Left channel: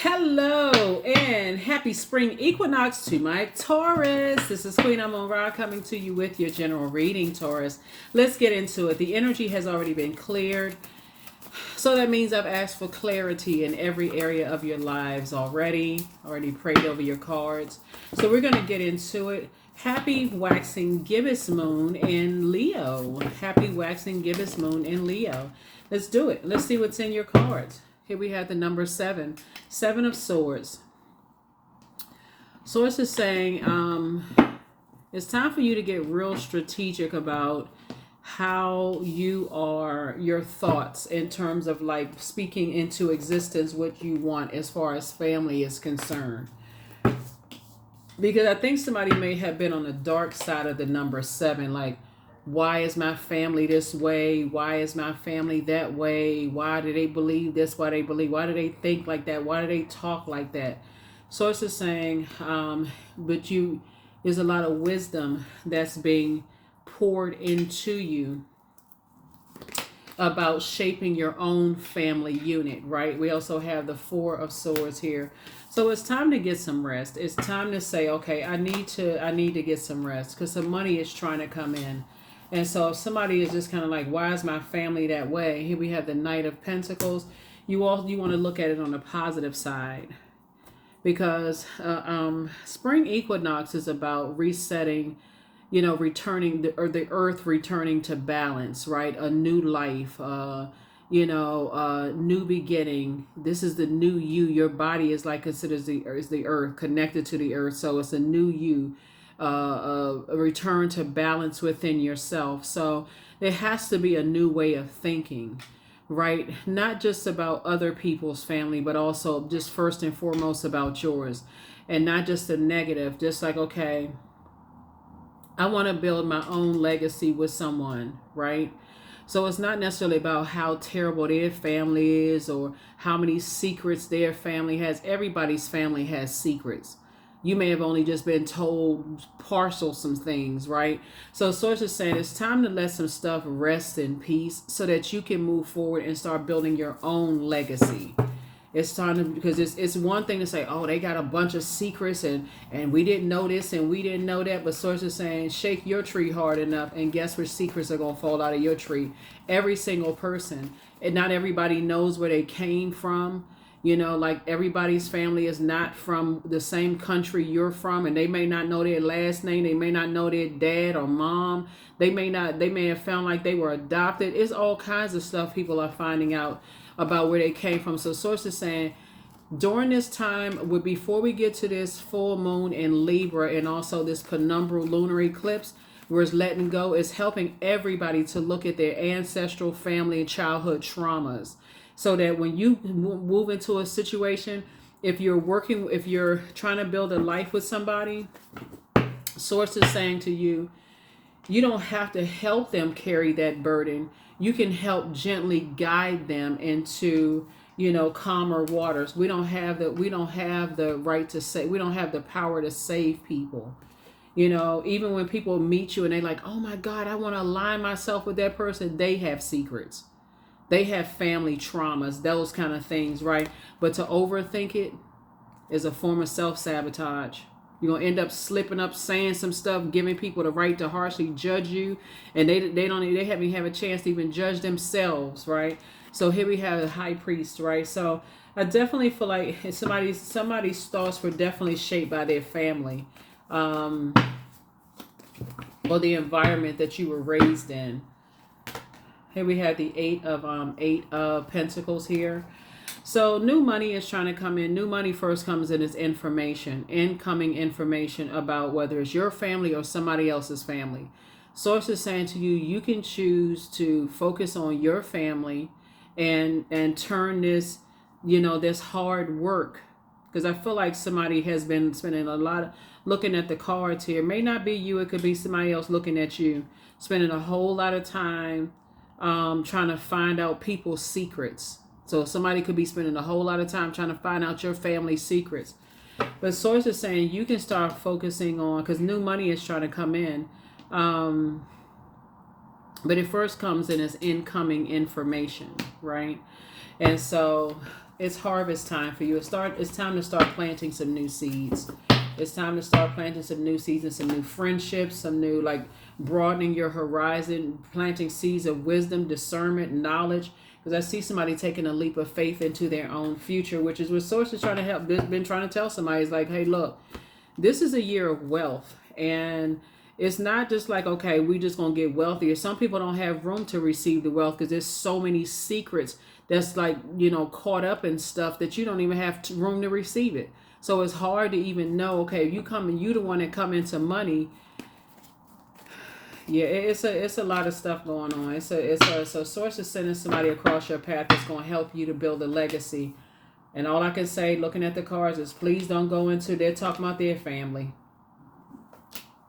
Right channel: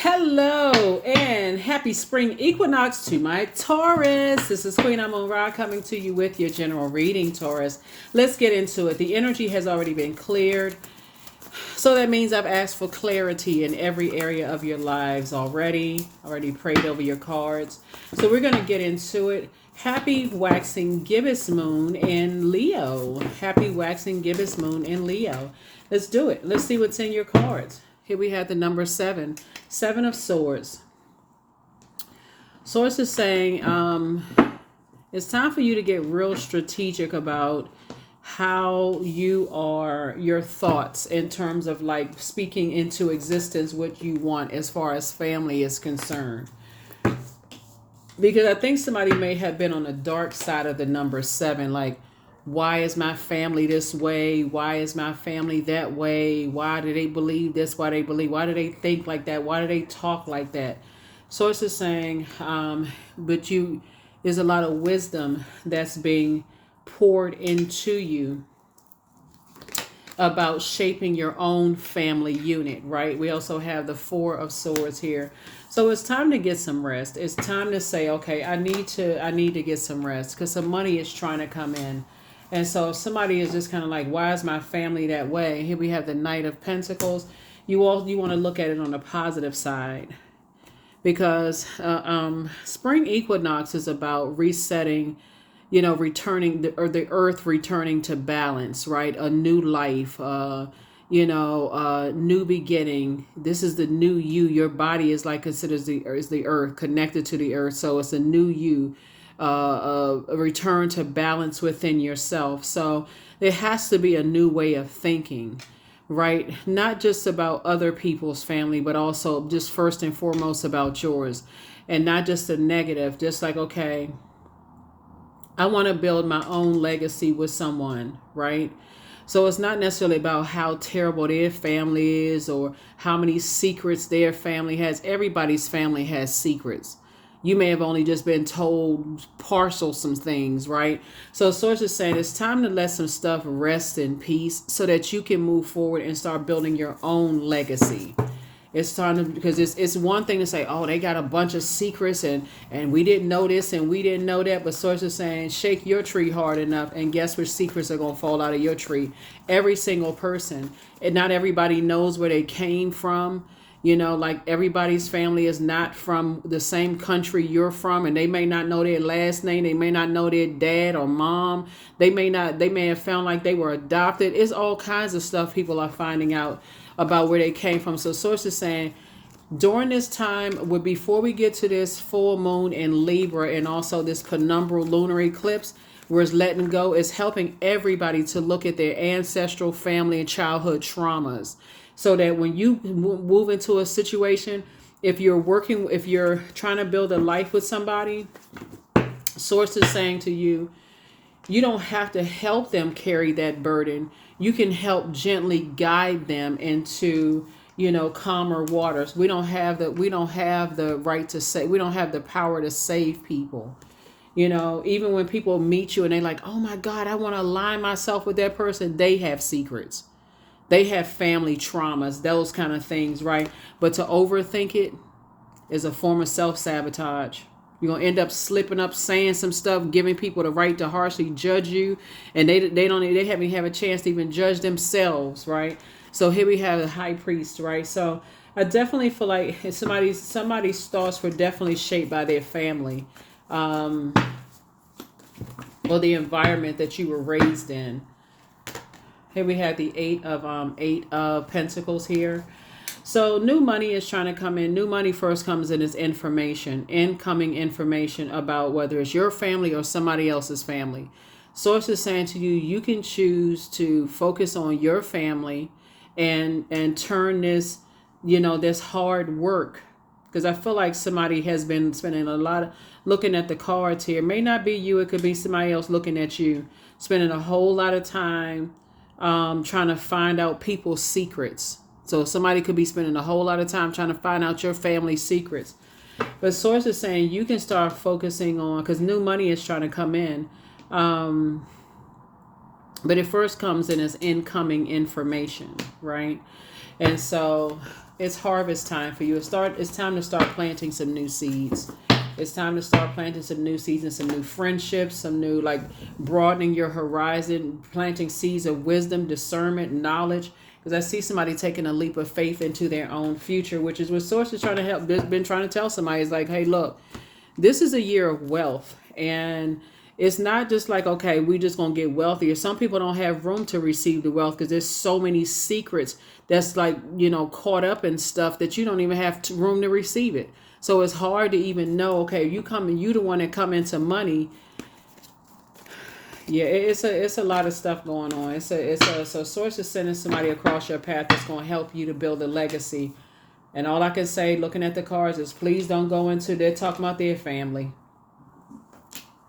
Hello and happy spring equinox to my Taurus. This is Queen Amun Ra coming to you with your general reading, Taurus. Let's get into it. The energy has already been cleared. So that means I've asked for clarity in every area of your lives already prayed over your cards. So we're going to get into it. Happy waxing gibbous moon in Leo. Happy waxing gibbous moon in Leo. Let's do it. Let's see what's in your cards. Here we have the number 7. 7 of Swords. Source is saying it's time for you to get real strategic about how your thoughts in terms of like speaking into existence what you want as far as family is concerned. Because I think somebody may have been on the dark side of the number 7, like, why is my family this way? Why is my family that way? Why do they believe this? Why do they think like that? Why do they talk like that? Source is saying, there's a lot of wisdom that's being poured into you about shaping your own family unit, right? We also have the 4 of Swords here. So it's time to get some rest. It's time to say, okay, I need to get some rest because some money is trying to come in. And so if somebody is just kind of like, why is my family that way? Here we have the Knight of Pentacles. You want to look at it on the positive side because spring equinox is about resetting, returning the earth returning to balance, right? A new life, new beginning. This is the new you. Your body is like considered the earth, connected to the earth. So it's a new you. A return to balance within yourself. So there has to be a new way of thinking, right? Not just about other people's family, but also just first and foremost about yours. And not just a negative, just like, okay, I want to build my own legacy with someone, right? So it's not necessarily about how terrible their family is or how many secrets their family has. Everybody's family has secrets. You may have only just been told partial some things, right? So Source is saying it's time to let some stuff rest in peace so that you can move forward and start building your own legacy. It's time to, because it's one thing to say, oh, they got a bunch of secrets and we didn't know this and we didn't know that. But Source is saying shake your tree hard enough and guess which secrets are going to fall out of your tree. Every single person. And not everybody knows where they came from. Like everybody's family is not from the same country you're from, and they may not know their last name. They may not know their dad or mom. They may have found like they were adopted. It's all kinds of stuff people are finding out about where they came from. So Source is saying during this time, before we get to this full moon in Libra and also this penumbral lunar eclipse, where it's letting go, it's helping everybody to look at their ancestral family and childhood traumas. So that when you move into a situation, if you're trying to build a life with somebody, Source is saying to you, you don't have to help them carry that burden. You can help gently guide them into, calmer waters. We don't have the right to say, we don't have the power to save people. Even when people meet you and they're like, oh my God, I want to align myself with that person, they have secrets. They have family traumas, those kind of things, right? But to overthink it is a form of self-sabotage. You're going to end up slipping up, saying some stuff, giving people the right to harshly judge you. And they haven't even have a chance to even judge themselves, right? So here we have the High Priest, right? So I definitely feel like somebody's thoughts were definitely shaped by their family or the environment that you were raised in. Here we have the eight of Pentacles here. So new money is trying to come in. New money first comes in as information, incoming information about whether it's your family or somebody else's family. Source is saying to you, you can choose to focus on your family and turn this, this hard work. Because I feel like somebody has been spending a lot of looking at the cards here. It may not be you. It could be somebody else looking at you, spending a whole lot of time trying to find out people's secrets. So somebody could be spending a whole lot of time trying to find out your family's secrets. But Source is saying you can start focusing on, because new money is trying to come in. But it first comes in as incoming information, right? And so It's harvest time for you. It's time to start planting some new seeds. It's time to start planting some new seeds and some new friendships, some new, like, broadening your horizon, planting seeds of wisdom, discernment, knowledge. Because I see somebody taking a leap of faith into their own future, which is what Source is trying to help. Been trying to tell somebody, is like, hey, look, this is a year of wealth, and it's not just like, okay, we just gonna get wealthier. Some people don't have room to receive the wealth because there's so many secrets that's, like, caught up in stuff that you don't even have room to receive it. So it's hard to even know, okay, if you come and you the one that come into money. Yeah, it's a lot of stuff going on. So Source is sending somebody across your path that's going to help you to build a legacy. And all I can say, looking at the cards, is please don't go into, they're talking about their family.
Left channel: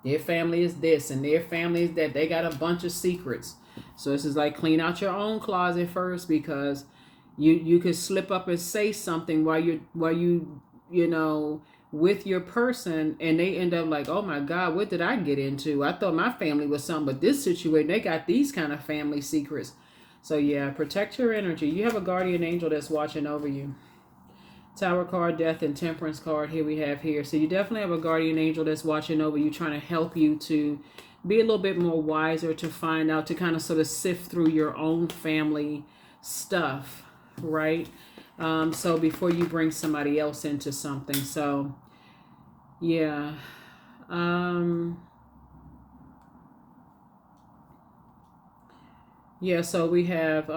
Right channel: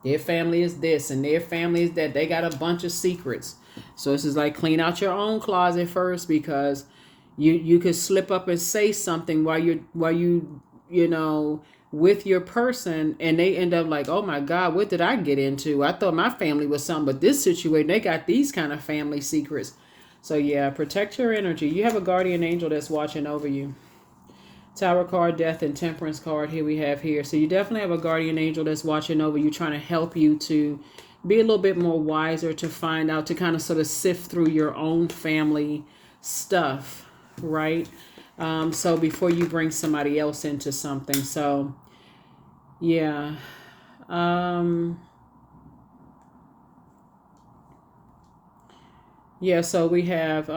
Their family is this and their family is that. They got a bunch of secrets. So this is like, clean out your own closet first, because you could slip up and say something while you with your person, and they end up like, oh my God, what did I get into? I thought my family was something, but this situation, they got these kind of family secrets. So yeah, protect your energy. You have a guardian angel that's watching over you. Tower card, death, and temperance card here we have here. So you definitely have a guardian angel that's watching over you, trying to help you to be a little bit more wiser, to find out, to kind of sort of sift through your own family stuff, right? So before you bring somebody else into something. So yeah. Yeah, so we have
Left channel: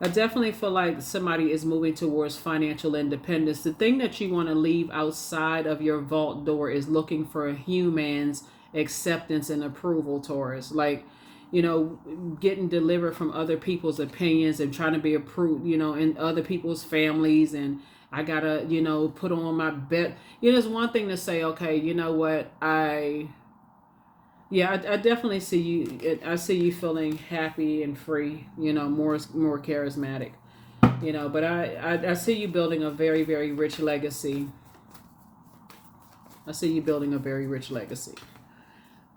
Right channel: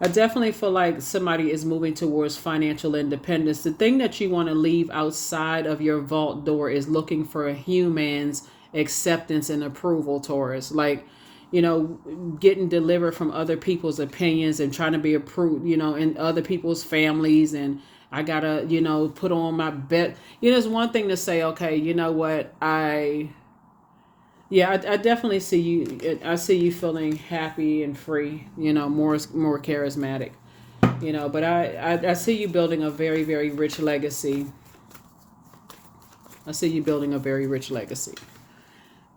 I definitely feel like somebody is moving towards financial independence. The thing that you want to leave outside of your vault door is looking for a human's acceptance and approval, Taurus. Like, getting delivered from other people's opinions and trying to be approved, in other people's families. And I gotta, put on my bet. It's one thing to say, okay, you know what, I definitely see you. I see you feeling happy and free, more charismatic, but I see you building a very, very rich legacy. I see you building a very rich legacy,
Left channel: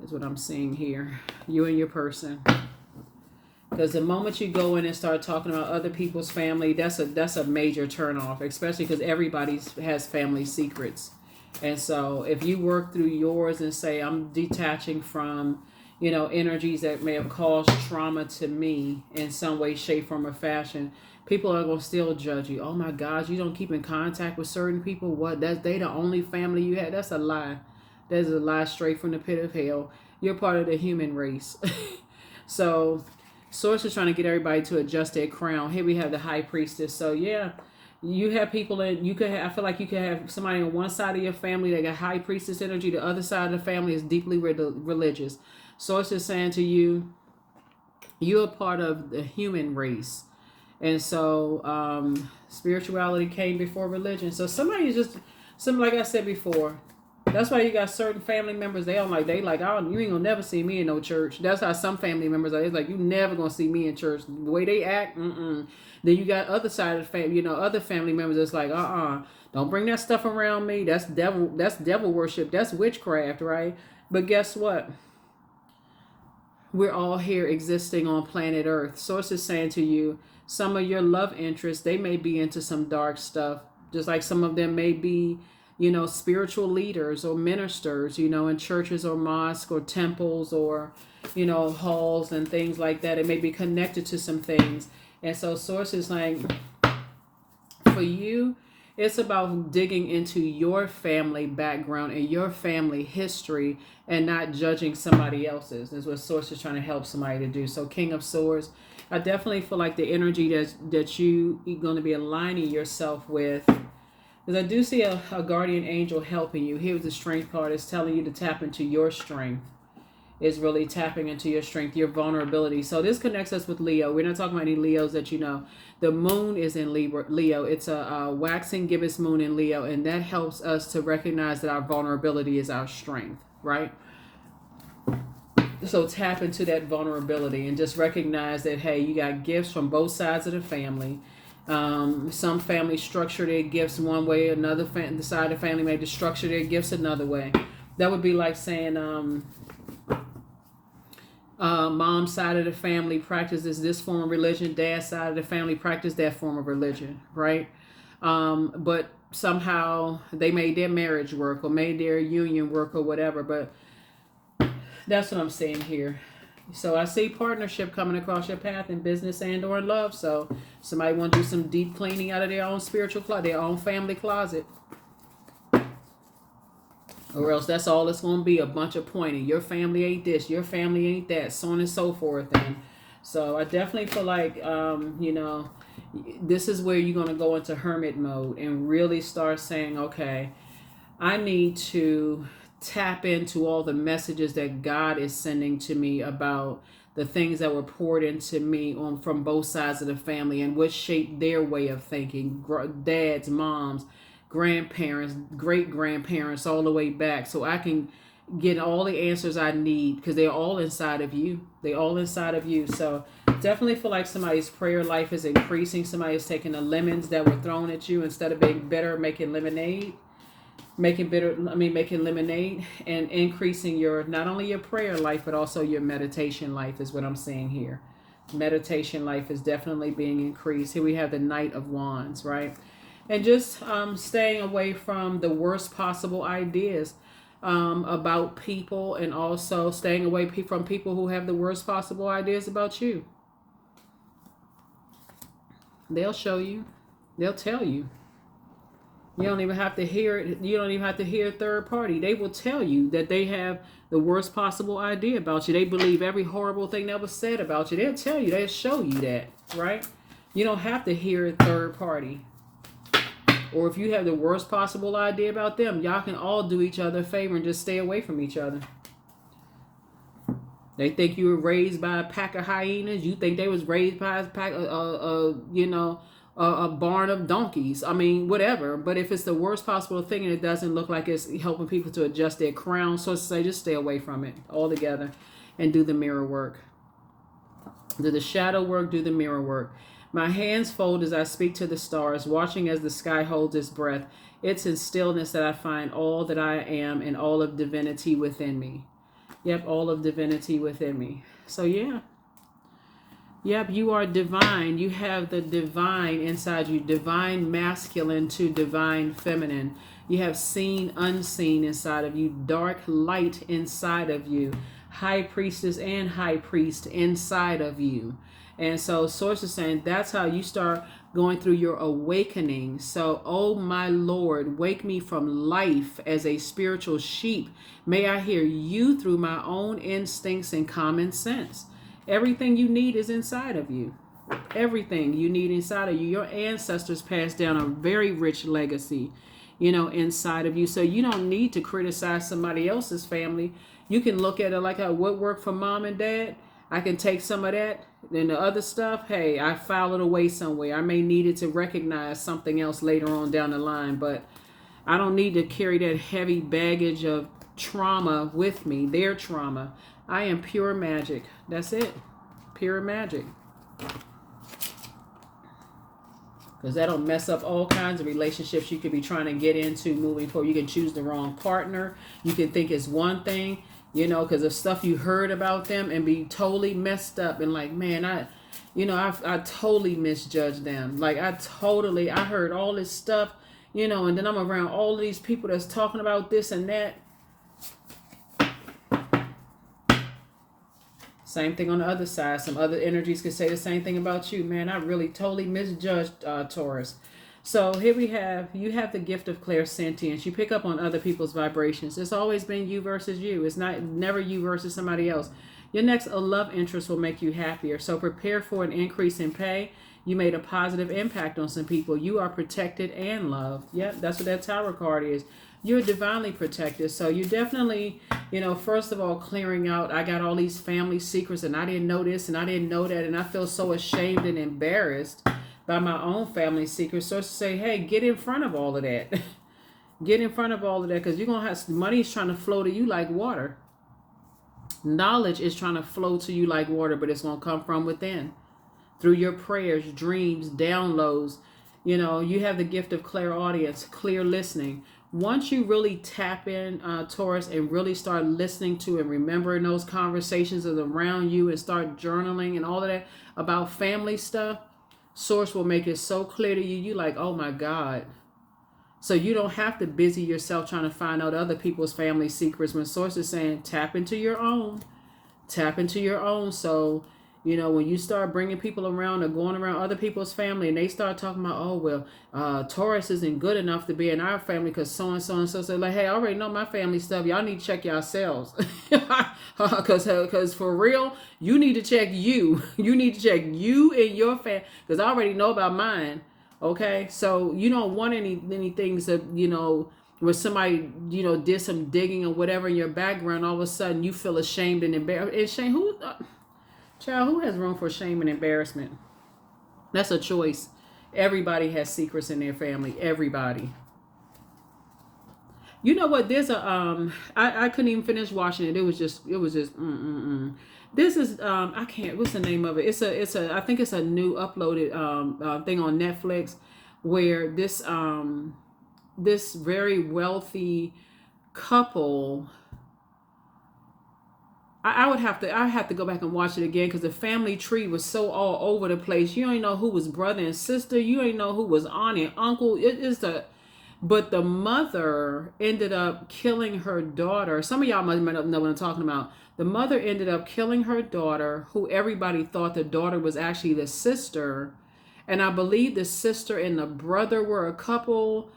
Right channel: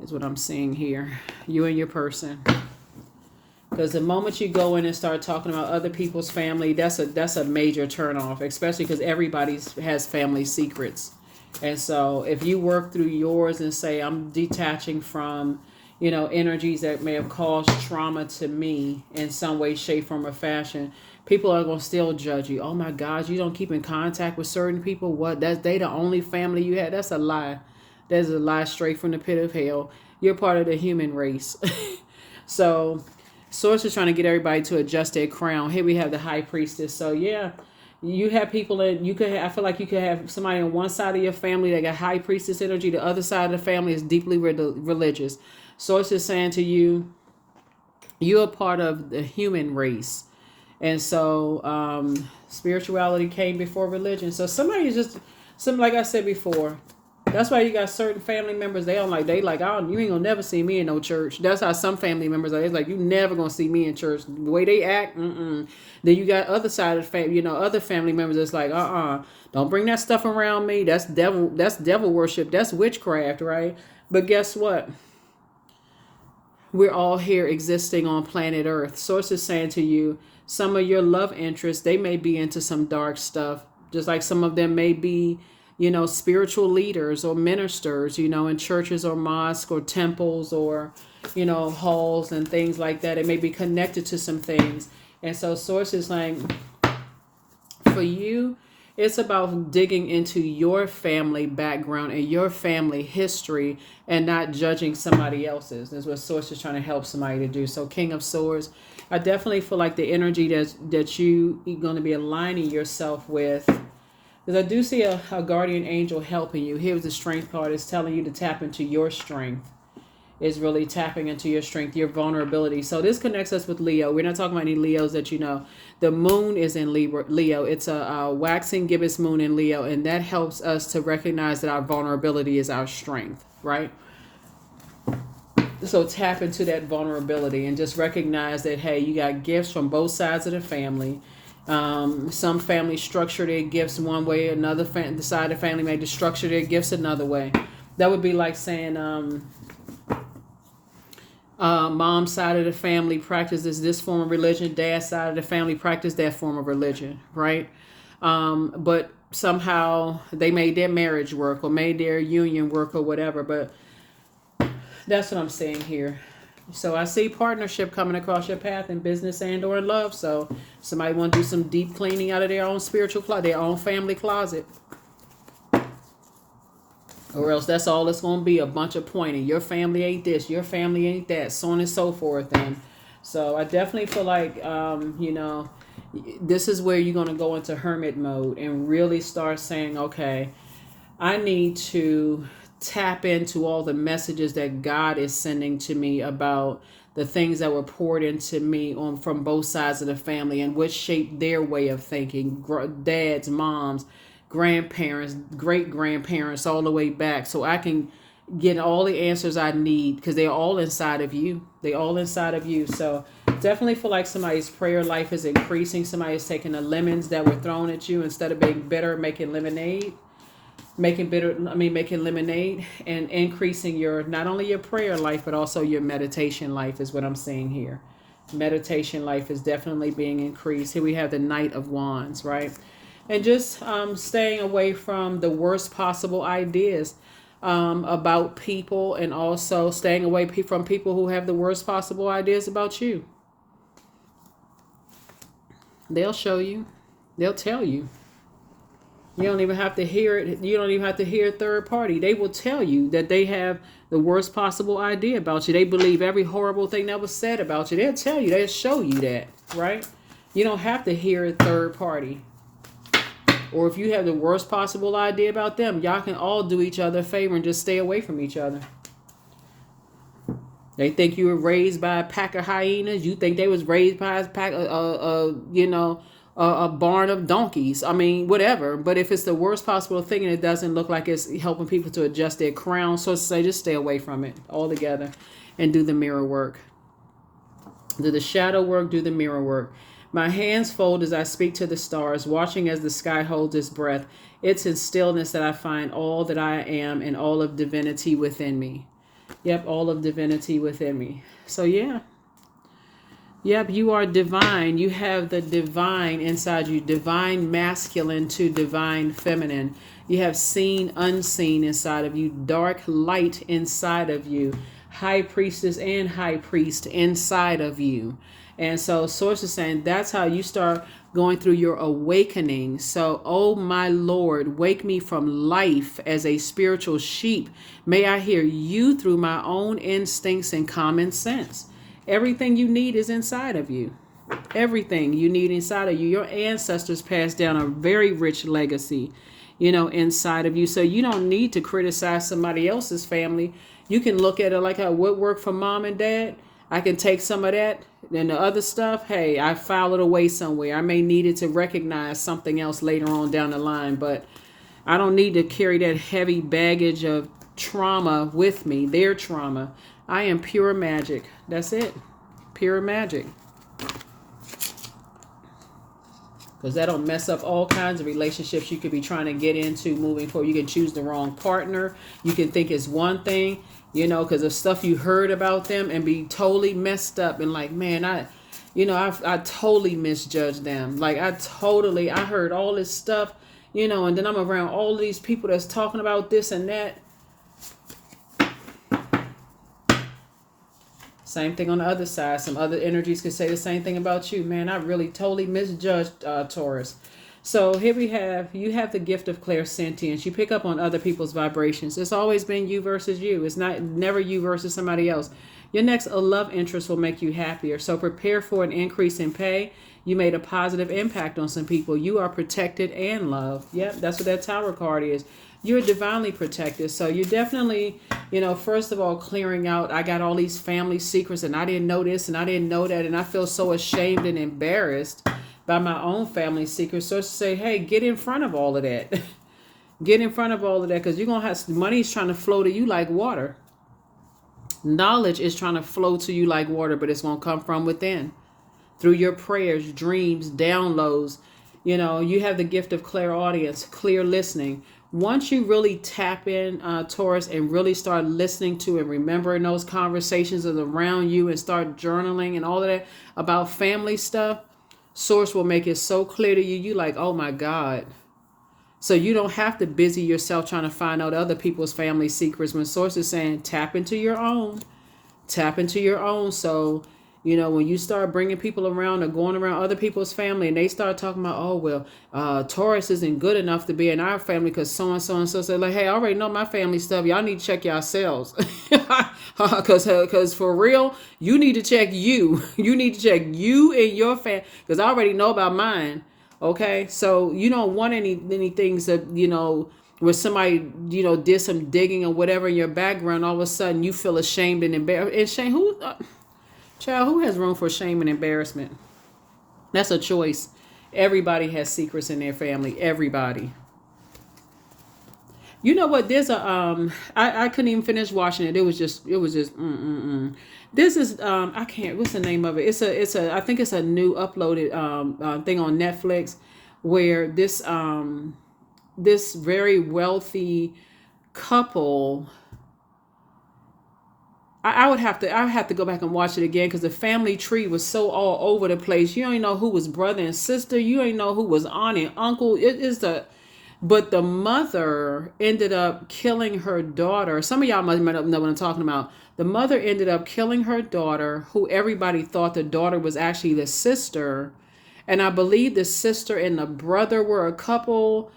is what I'm seeing here. You and your person. Because the moment you go in and start talking about other people's family, that's a major turnoff, especially because everybody has family secrets. And so if you work through yours and say, I'm detaching from, energies that may have caused trauma to me in some way, shape, form, or fashion, people are going to still judge you. Oh my God, you don't keep in contact with certain people? What? They the only family you had? That's a lie. That's a lie straight from the pit of hell. You're part of the human race. So Source is trying to get everybody to adjust their crown. Here we have the High Priestess. So yeah. You have people that I feel like you could have somebody on one side of your family that got High Priestess energy. The other side of the family is deeply religious. So it's just saying to you, you're a part of the human race. And so spirituality came before religion. So somebody is just, like I said before, that's why you got certain family members, you ain't gonna never see me in no church. That's how some family members are. It's like, you never gonna see me in church. The way they act, Then you got other side of the family, other family members that's like, don't bring that stuff around me. That's devil worship. That's witchcraft, right? But guess what? We're all here existing on planet Earth. Source is saying to you, some of your love interests, they may be into some dark stuff. Just like some of them may be, spiritual leaders or ministers, in churches or mosques or temples or, halls and things like that. It may be connected to some things. And so Source is like, for you, it's about digging into your family background and your family history and not judging somebody else's. That's what Source is trying to help somebody to do. So King of Swords, I definitely feel like the energy that you're going to be aligning yourself with. Because I do see a guardian angel helping you. Here's the Strength card. It's telling you to tap into your strength. It's really tapping into your strength, your vulnerability. So this connects us with Leo. We're not talking about any Leos that you know. The moon is in Leo. It's a waxing gibbous moon in Leo. And that helps us to recognize that our vulnerability is our strength, right? So tap into that vulnerability and just recognize that, hey, you got gifts from both sides of the family. Some families structure their gifts one way, another the side of the family may structure their gifts another way. That would be like saying, Mom's side of the family practices this form of religion. Dad's side of the family practice that form of religion, right? But somehow they made their marriage work or made their union work or whatever. But that's what I'm saying here. So I see partnership coming across your path in business and or in love. So somebody want to do some deep cleaning out of their own spiritual closet, their own family closet. Or else that's all it's going to be, a bunch of pointing. Your family ain't this, your family ain't that, so on and so forth. And so I definitely feel like, this is where you're going to go into hermit mode and really start saying, okay, I need to tap into all the messages that God is sending to me about the things that were poured into me from both sides of the family and which shaped their way of thinking, dads, moms, grandparents, great grandparents, all the way back, so I can get all the answers I need, because they're all inside of you. They all inside of you. So definitely feel like somebody's prayer life is increasing. Somebody's taking the lemons that were thrown at you, instead of being bitter, making lemonade. Making lemonade, and increasing your, not only your prayer life, but also your meditation life is what I'm seeing here. Meditation life is definitely being increased. Here we have the Knight of Wands, right? And just staying away from the worst possible ideas about people, and also staying away from people who have the worst possible ideas about you. They'll show you. They'll tell you. You don't even have to hear it. You don't even have to hear a third party. They will tell you that they have the worst possible idea about you. They believe every horrible thing that was said about you. They'll tell you. They'll show you that, right? You don't have to hear a third party. Or if you have the worst possible idea about them, y'all can all do each other a favor and just stay away from each other. They think you were raised by a pack of hyenas. You think they was raised by a pack a barn of donkeys. I mean, whatever. But if it's the worst possible thing and it doesn't look like it's helping people to adjust their crown, so to say, just stay away from it altogether and do the mirror work. Do the shadow work, do the mirror work. My hands fold as I speak to the stars, watching as the sky holds its breath. It's in stillness that I find all that I am and all of divinity within me. Yep, all of divinity within me. So yeah. Yep, you are divine. You have the divine inside you. Divine masculine to divine feminine. You have seen, unseen inside of you. Dark light inside of you. High priestess and high priest inside of you. And so Source is saying that's how you start going through your awakening. So, oh my Lord, wake me from life as a spiritual sheep. May I hear you through my own instincts and common sense. Everything you need is inside of you. Everything you need inside of you. Your ancestors passed down a very rich legacy, inside of you. So you don't need to criticize somebody else's family. You can look at it like what worked for mom and dad. I can take some of that, and the other stuff, hey, I file it away somewhere. I may need it to recognize something else later on down the line, but I don't need to carry that heavy baggage of trauma with me, their trauma. I am pure magic. That's it. Pure magic. Because that'll mess up all kinds of relationships you could be trying to get into moving forward. You can choose the wrong partner. You can think it's one thing, because of stuff you heard about them and be totally messed up and like, man, I totally misjudged them. Like I heard all this stuff, and then I'm around all these people that's talking about this and that. Same thing on the other side. Some other energies could say the same thing about you. Man, I really totally misjudged Taurus. So here you have the gift of clairsentience. You pick up on other people's vibrations. It's always been you versus you. It's never you versus somebody else. Your next love interest will make you happier. So prepare for an increase in pay. You made a positive impact on some people. You are protected and loved. Yep, that's what that Tower card is. You're divinely protected. So you're definitely, first of all, clearing out. I got all these family secrets and I didn't know this and I didn't know that. And I feel so ashamed and embarrassed by my own family secrets. So to say, hey, get in front of all of that. Get in front of all of that, because you're going to have money's trying to flow to you like water. Knowledge is trying to flow to you like water, but it's going to come from within. Through your prayers, dreams, downloads. You have the gift of clairaudience, clear listening. Once you really tap in, Taurus, and really start listening to and remembering those conversations that are around you and start journaling and all of that about family stuff, Source will make it so clear to you. You like, oh my God. So you don't have to busy yourself trying to find out other people's family secrets. When Source is saying tap into your own, tap into your own. So, when you start bringing people around or going around other people's family and they start talking about, oh, well, Taurus isn't good enough to be in our family because so-and-so said, like, hey, I already know my family stuff. Y'all need to check yourselves. Because for real, you need to check you. You need to check you and your family because I already know about mine. Okay, so you don't want any things that, where somebody, did some digging or whatever in your background, all of a sudden you feel ashamed and embarrassed. And shame, child, who has room for shame and embarrassment? That's a choice. Everybody has secrets in their family. Everybody. You know what? There's I couldn't even finish watching it. It was just This is I can't, what's the name of it? It's a I think it's a new uploaded thing on Netflix where this very wealthy couple, I have to go back and watch it again because the family tree was so all over the place. You ain't know who was brother and sister. You ain't know who was aunt and uncle. But the mother ended up killing her daughter. Some of y'all might know what I'm talking about. The mother ended up killing her daughter, who everybody thought the daughter was actually the sister. And I believe the sister and the brother were a couple.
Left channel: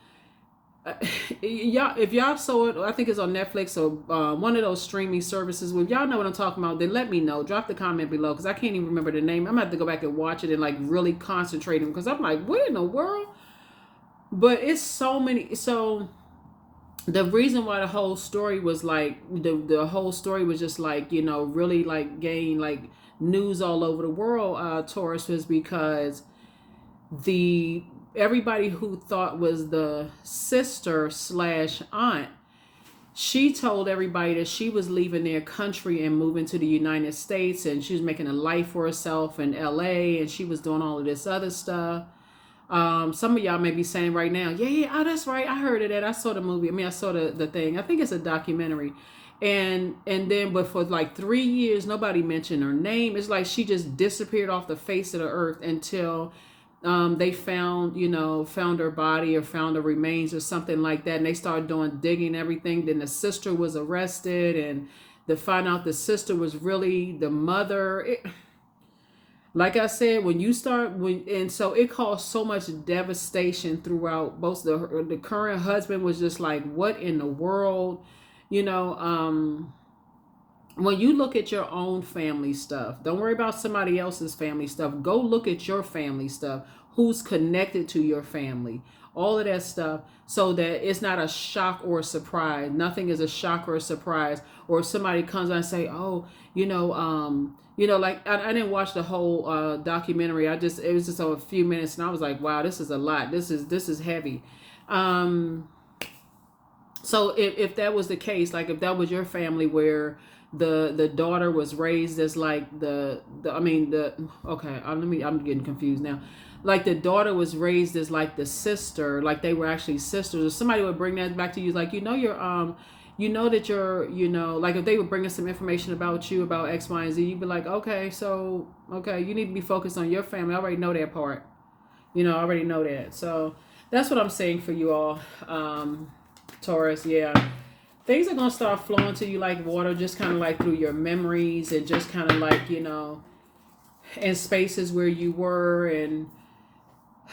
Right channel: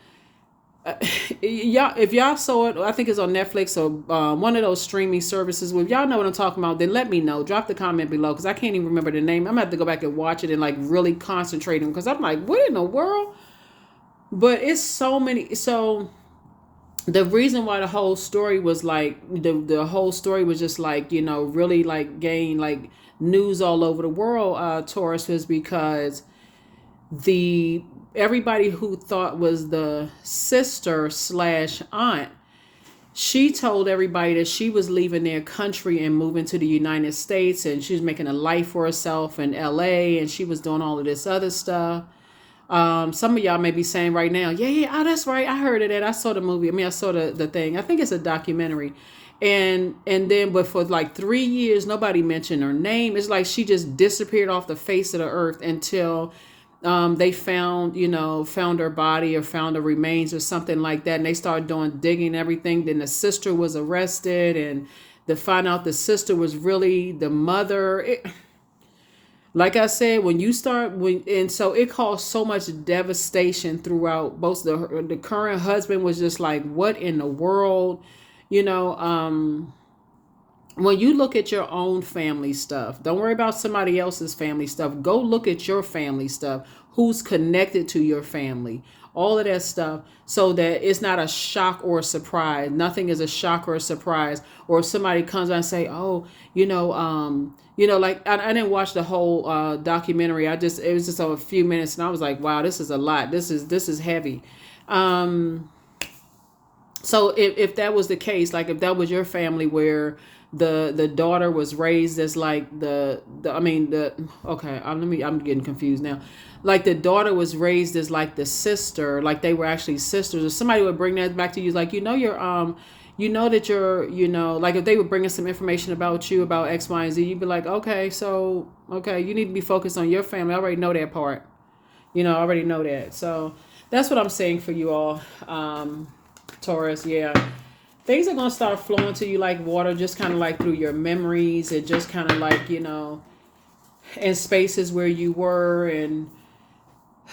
Y'all, if y'all saw it, I think it's on Netflix or one of those streaming services. Well, if y'all know what I'm talking about, then let me know. Drop the comment below because I can't even remember the name. I'm gonna have to go back and watch it and like really concentrate on because I'm like, what in the world? But it's so many. So the reason why the whole story was like the whole story was just like, really like gain like news all over the world, Taurus, was because the everybody who thought was the sister slash aunt, she told everybody that she was leaving their country and moving to the United States, and she was making a life for herself in LA, and she was doing all of this other stuff. Some of y'all may be saying right now, yeah, oh, that's right, I heard of that. I saw the movie. I mean, I saw the thing. I think it's a documentary. And then, but for like 3 years, nobody mentioned her name. It's like she just disappeared off the face of the earth until they found her body or found her remains or something like that. And they started doing digging and everything. Then the sister was arrested, and to find out the sister was really the mother. Like I said, and so it caused so much devastation throughout. Both the current husband was just like, what in the world, when you look at your own family stuff, don't worry about somebody else's family stuff. Go look at your family stuff. Who's connected to your family? All of that stuff, so that it's not a shock or a surprise. Nothing is a shock or a surprise. Or if somebody comes out and say, oh, like I didn't watch the whole documentary. It was just a few minutes, and I was like, wow, this is a lot. This is heavy. So if that was the case, like if that was your family where the daughter was raised as like I'm getting confused now. Like the daughter was raised as like the sister, like they were actually sisters, or somebody would bring that back to you, like that you're, like if they were bringing some information about you about X, Y, and Z, you'd be like, okay, you need to be focused on your family. I already know that part. I already know that. So that's what I'm saying for you all, Taurus. Yeah. Things are going to start flowing to you like water, just kind of like through your memories, and just kind of like, in spaces where you were. And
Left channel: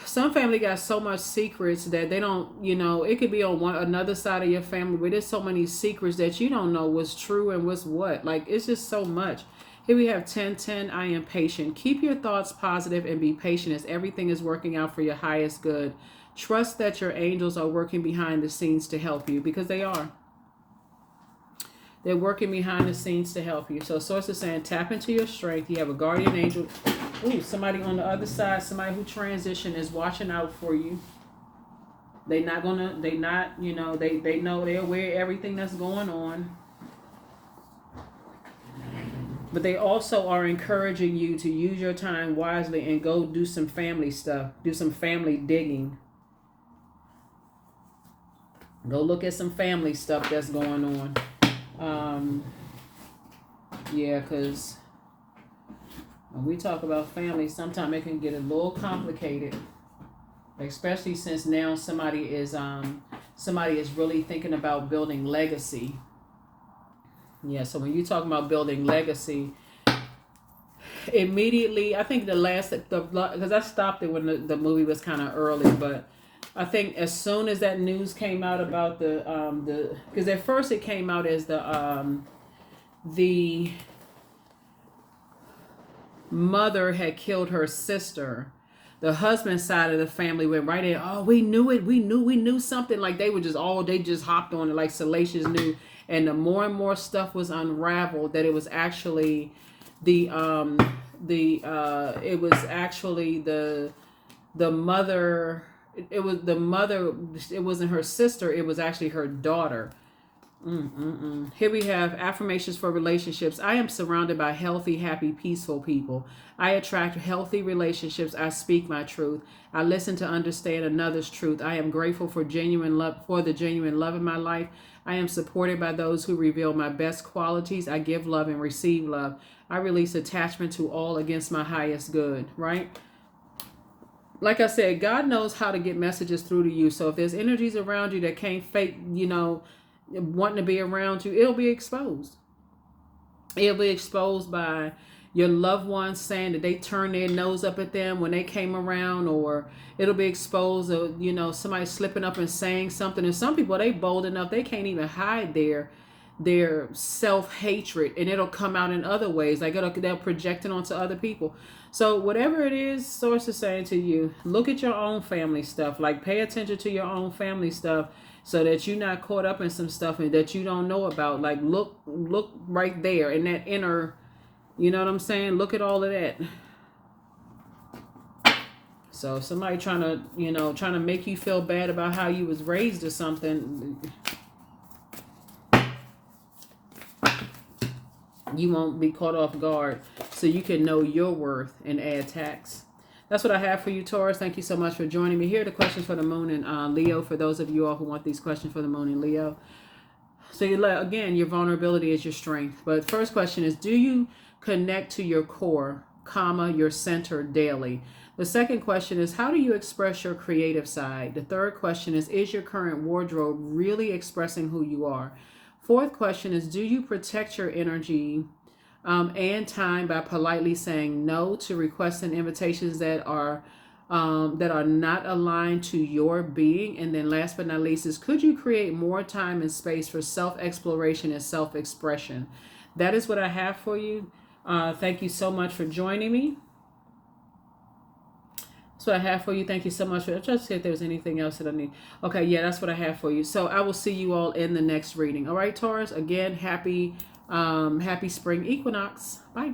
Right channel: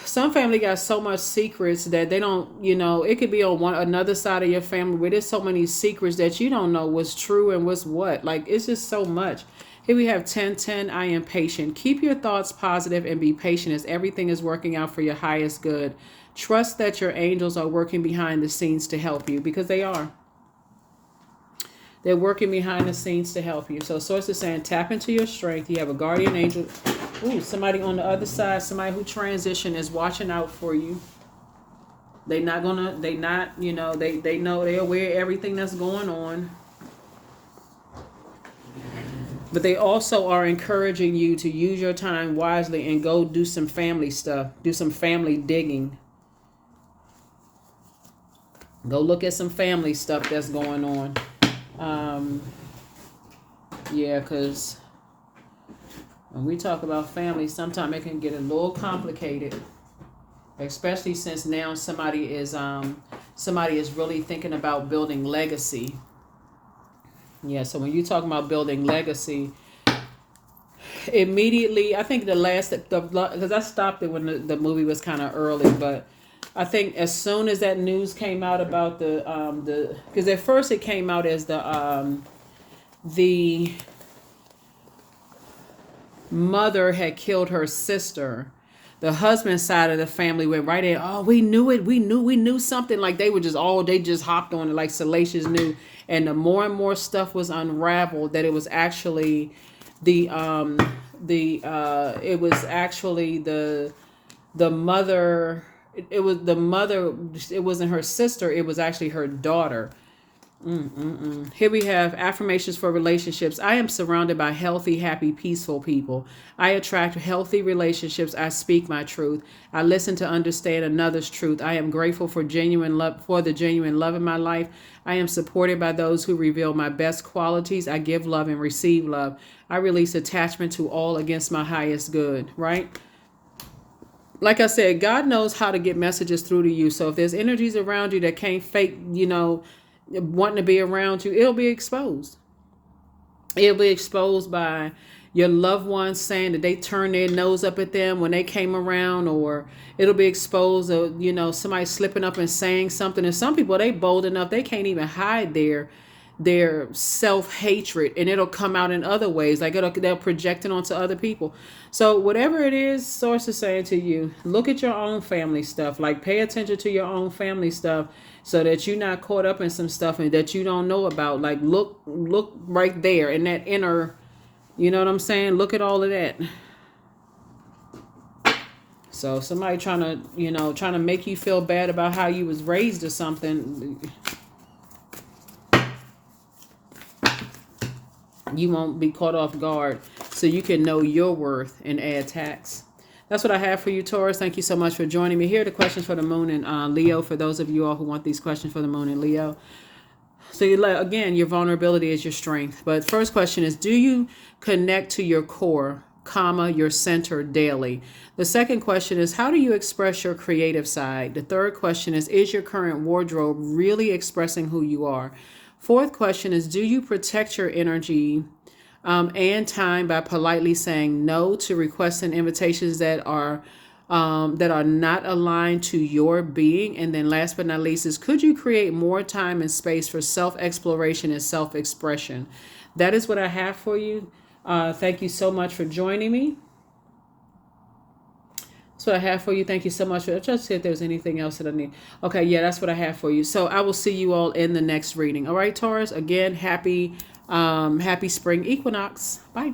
some family got so much secrets that they don't, it could be on another side of your family where there's so many secrets that you don't know what's true and what's what. Like, it's just so much. Here we have 1010. I am patient. Keep your thoughts positive and be patient as everything is working out for your highest good. Trust that your angels are working behind the scenes to help you, because they are. They're working behind the scenes to help you. So Source is saying, tap into your strength. You have a guardian angel. Ooh, somebody on the other side, somebody who transitioned is watching out for you. They know, they're aware of everything that's going on. But they also are encouraging you to use your time wisely and go do some family stuff. Do some family digging. Go look at some family stuff that's going on. Um, yeah, because when we talk about family, sometimes it can get a little complicated, especially since now somebody is really thinking about building legacy. Yeah, so when you talk about building legacy, immediately I think because I stopped it when the movie was kind of early, but I think as soon as that news came out about the because at first it came out as the mother had killed her sister. The husband side of the family went right in. Oh, we knew it. We knew something. Like they just hopped on it like Salacious knew. And the more and more stuff was unraveled, that it was actually the it was actually the mother. It was the mother. It wasn't her sister. It was actually her daughter. Here we have affirmations for relationships. I am surrounded by healthy, happy, peaceful people. I attract healthy relationships. I speak my truth. I listen to understand another's truth. I am grateful for the genuine love in my life. I am supported by those who reveal my best qualities. I give love and receive love. I release attachment to all against my highest good, right? Like I said, God knows how to get messages through to you. So if there's energies around you that can't fake, wanting to be around you, it'll be exposed. It'll be exposed by your loved ones saying that they turned their nose up at them when they came around, or it'll be exposed of, somebody slipping up and saying something. And some people, they bold enough, they can't even hide their self-hatred, and it'll come out in other ways, like they'll project it onto other people. So whatever it is, source is saying to you, look at your own family stuff. Like, pay attention to your own family stuff, so that you're not caught up in some stuff and that you don't know about. Like, look right there in that inner, you know what I'm saying? Look at all of that. So if somebody trying to make you feel bad about how you was raised or something, you won't be caught off guard, so you can know your worth and add tax. That's what I have for you, Taurus. Thank you so much for joining me. Here are the questions for the moon and Leo, for those of you all who want these questions for the moon and Leo. So again, your vulnerability is your strength. But first question is, do you connect to your core, your center daily? The second question is, how do you express your creative side? The third question is your current wardrobe really expressing who you are? Fourth question is, do you protect your energy and time by politely saying no to requests and invitations that are not aligned to your being? And then last but not least is, could you create more time and space for self-exploration and self-expression? That is what I have for you. Thank you so much for joining me. That's what I have for you. Thank you so much. I'll just see if there's anything else that I need. Okay, yeah, that's what I have for you. So I will see you all in the next reading. All right, Taurus. Again, happy spring equinox. Bye.